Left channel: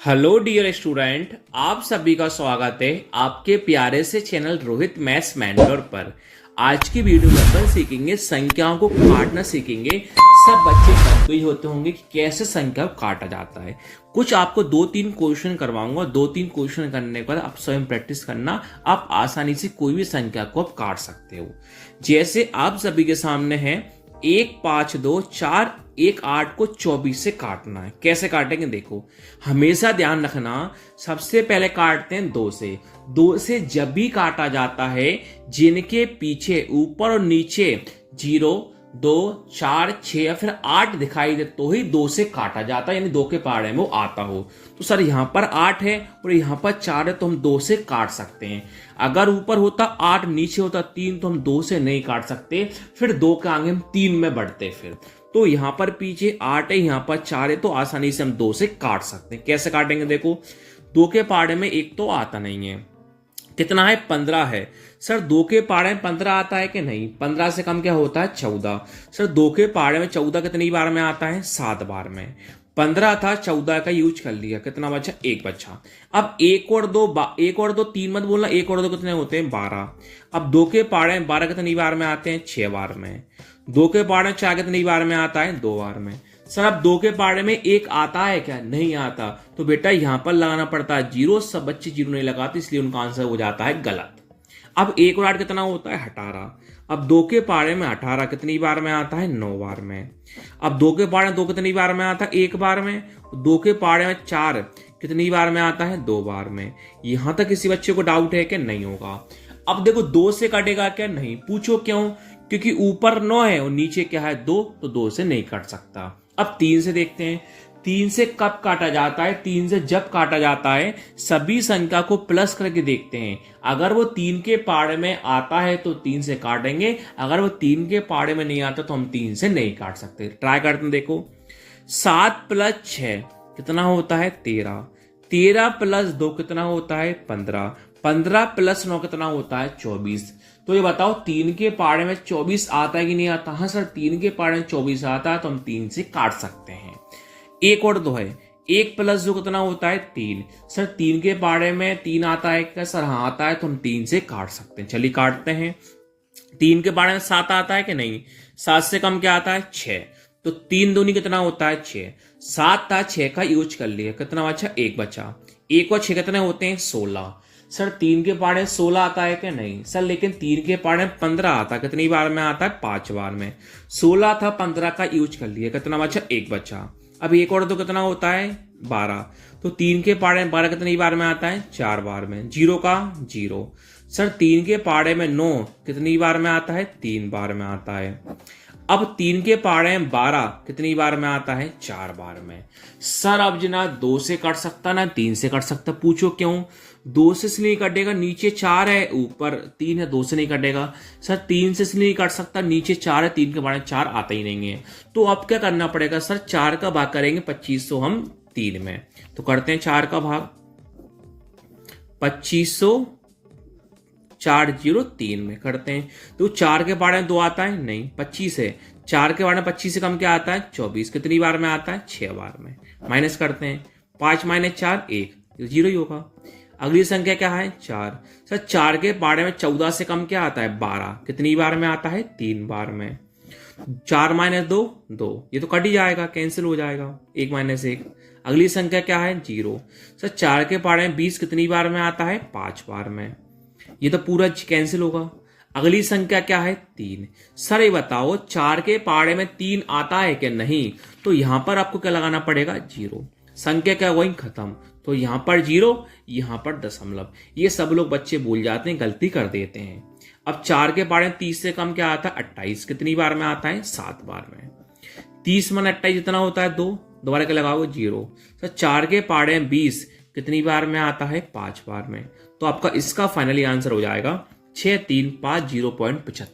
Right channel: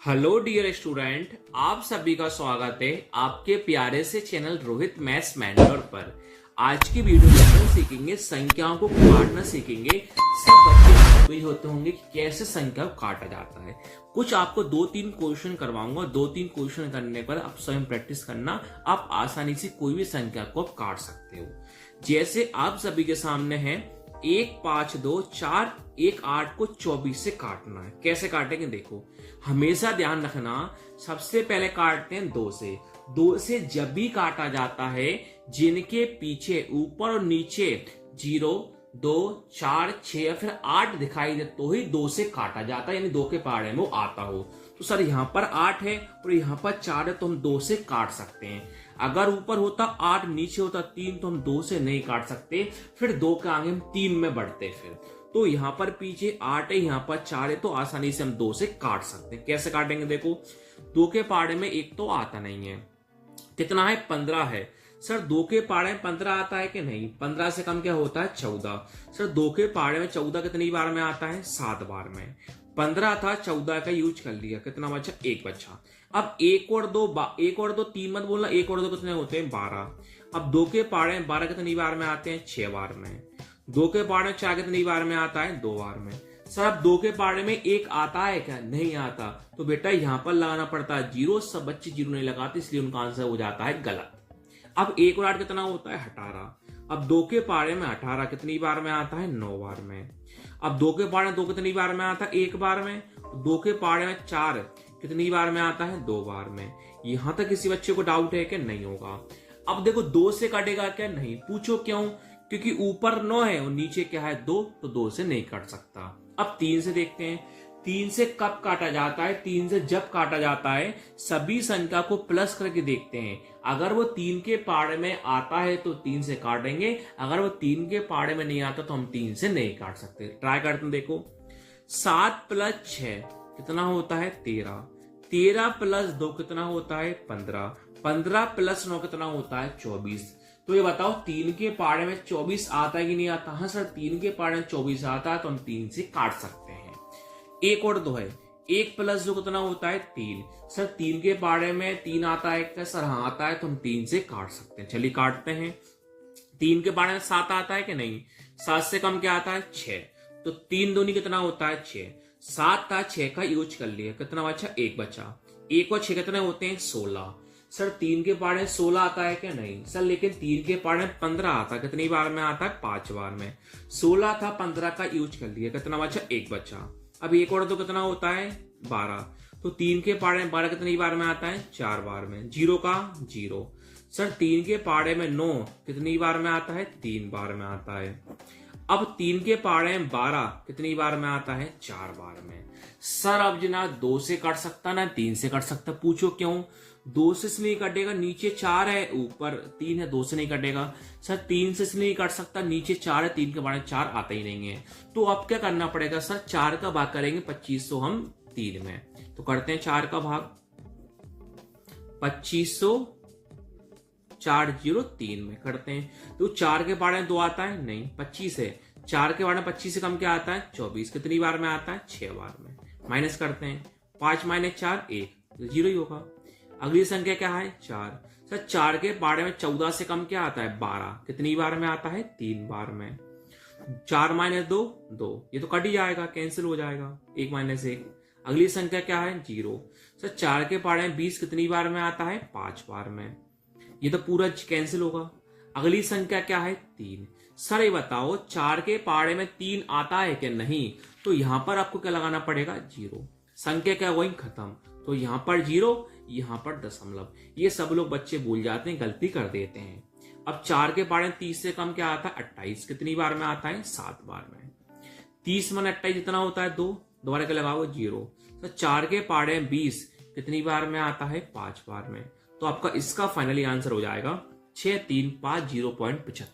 Hello dear student, आप सभी का स्वागत है आपके प्यारे से चैनल रोहित मैथ्स मेंटर पर। आज की वीडियो में अपन सीखेंगे संख्याओं को काटना सीखेंगे। सब बच्चे जानते ही होते होंगे कि कैसे संख्या को काटा जाता है। कुछ आपको 2-3 क्वेश्चन करवाऊंगा। 2-3 क्वेश्चन करने पर आप स्वयं प्रैक्टिस करना, आप आसानी से कोई भी संख्या को आप काट सकते हो। जैसे आप सभी के सामने है 1 5 2 4 1 8 को 24 से काटना है। कैसे काटेंगे देखो, हमेशा ध्यान रखना। सबसे पहले काटते हैं 2 से। 2 से जब भी काटा जाता है जिनके पीछे ऊपर और नीचे 0 2 4 6 या फिर 8 दिखाई दे तो ही 2 से काटा जाता है, यानी 2 के पहाड़े में वो आता हो। तो सर यहाँ पर 8 है और यहाँ पर 4 है तो हम 2 से काट सकते हैं। अगर ऊपर होता 8 नीचे होता 3 तो हम 2 से नहीं काट सकते, फिर 2 के आगे हम 3 में बढ़ते। फिर तो यहाँ पर पीछे 8 है, यहाँ पर 4 है तो आसानी से हम 2 से काट सकते हैं। कैसे काटेंगे देखो, 2 के पहाड़े में 1 तो आता नहीं है। कितना है? 15 है। सर 2 के पहाड़े में 15 आता है कि नहीं? 15 से कम क्या होता है? 14। सर 2 के पहाड़े में 14 कितनी बार में आता है? 7 बार में। 15 था, 14 का यूज कर लिया, कितना बचा? 1 बचा। अब 1 और 2 3 मत बोलना, 1 और 2 कितने होते हैं? 12। अब 2 के पहाड़े में 12 कितनी बार में आते हैं? 6 बार में। 2 के पहाड़े में 4 कितनी बार में आता है? 2 बार में। सर अब 2 के पहाड़े में 1 आता है क्या? नहीं आता। तो बेटा यहां पर लगाना पड़ता है 0। सब बच्चे 0 नहीं लगाते, इसलिए उनका आंसर हो जाता है गलत। अब 1 और 8 कितना होता है? 18। अब 2 के पहाड़े में 18 कितनी बार में आता है? 9 बार में। अब 2 के पहाड़े में 2 कितनी बार में आता है? 1 बार में। 2 के पहाड़े में 4 कितनी बार में आता है? 2 बार में। यहां तक किसी बच्चे को डाउट है कि नहीं होगा? अब देखो 2 से कटेगा क्या? नहीं। पूछो क्यों? क्योंकि ऊपर 9 है और नीचे क्या है? 2, तो 2 से नहीं कट सकता। अब 3 से देखते हैं। 3 से कब काटा जाता है? 3 से जब काटा जाता है सभी संख्या को प्लस करके देखते हैं। अगर वो 3 के पहाड़े में आता है तो 3 से काटेंगे, अगर वो 3 के पहाड़े में नहीं आता तो हम 3 से नहीं काट सकते। ट्राई करते हैं देखो। 7 + 6 कितना होता है? 13। 13 + 2 कितना होता है? 15। 15 + 9 कितना होता है? 24। तो ये बताओ 3 के पहाड़े में 24 आता है कि नहीं आता? हाँ सर, 3 के पहाड़े में 24 आता है तो हम 3 से काट सकते हैं। 1 और 2 है। 1 + 2 कितना होता है? 3। सर 3 के पहाड़े में 3 आता है क्या? सर हाँ आता है, तो हम 3 से काट सकते हैं। चलिए काटते हैं। 3 के पहाड़े में 7 आता है कि नहीं? 7 से कम क्या आता है? 6। तो 3 दूनी कितना होता है? 6। 7 था, 6 का यूज कर लिया, कितना बचा? 1 बचा। 1 और 6 कितने होते हैं? 16। सर 3 के पहाड़े 16 आता है क्या? नहीं सर, लेकिन 3 के पहाड़े 15 आता है, कितनी बार में आता है? 5 बार में। 16 था, 15 का यूज कर लिया, कितना बचा? 1 बचा। अब 1 और 2 कितना होता है? 12। तो 3 के पहाड़े 12 कितनी बार में आता है? 4 बार में। 0 का 0। सर 3 के पहाड़े में 9 कितनी बार में आता है? 3 बार में आता है। अब 3 के पहाड़े में 12 कितनी बार में आता है? 4 बार में। सर अब ना 2 से कट सकता ना 3 से कट सकता। पूछो क्यों? 2 से इसलिए कटेगा, नीचे 4 है ऊपर 3 है, 2 से नहीं कटेगा। सर 3 से इसलिए नहीं कट सकता, नीचे 4 है, 3 के पहाड़े में 4 आता ही नहीं है। तो अब क्या करना पड़ेगा? सर 4 का भाग करेंगे 2500 हम 3 में। तो करते हैं 4 का भाग 2500 4 0 3 में करते हैं। तो 4 के पहाड़े में 2 आता है नहीं, 25 है। 4 के पहाड़े में 25 से कम क्या आता है? 24। कितनी बार में आता है? 6 बार में। माइनस करते हैं। 5 - 4 1, 0 ही होगा। अगली संख्या क्या है? 4। सर 4 के पहाड़े में 14 से कम क्या आता है? 12। कितनी बार में आता है? 3 बार में। 4 - 2 2, ये तो कट ही जाएगा, कैंसिल हो जाएगा। 1 - 1। अगली संख्या क्या है? 0। सर 4 के पहाड़े में 20 कितनी बार में आता है? 5 बार में। ये तो पूरा कैंसिल होगा। अगली संख्या क्या है? 3। सर ये बताओ 4 के पहाड़े में 3 आता है कि नहीं? तो यहां पर आपको क्या लगाना पड़ेगा? 0। संख्या क्या हुई? खत्म। तो यहां पर 0, यहां पर दशमलव। ये सब लोग बच्चे भूल जाते हैं, गलती कर देते हैं। अब 4 के पहाड़े में 30 से कम क्या आता है? 28। कितनी बार में आता है? 7 बार में। 30 - 28 जितना होता है 2, दोबारा क्या लगाओ? 0। सर 4 के पहाड़े में 20 कितनी बार में आता है? 5 बार में। तो आपका इसका फाइनली आंसर हो जाएगा 6350.75।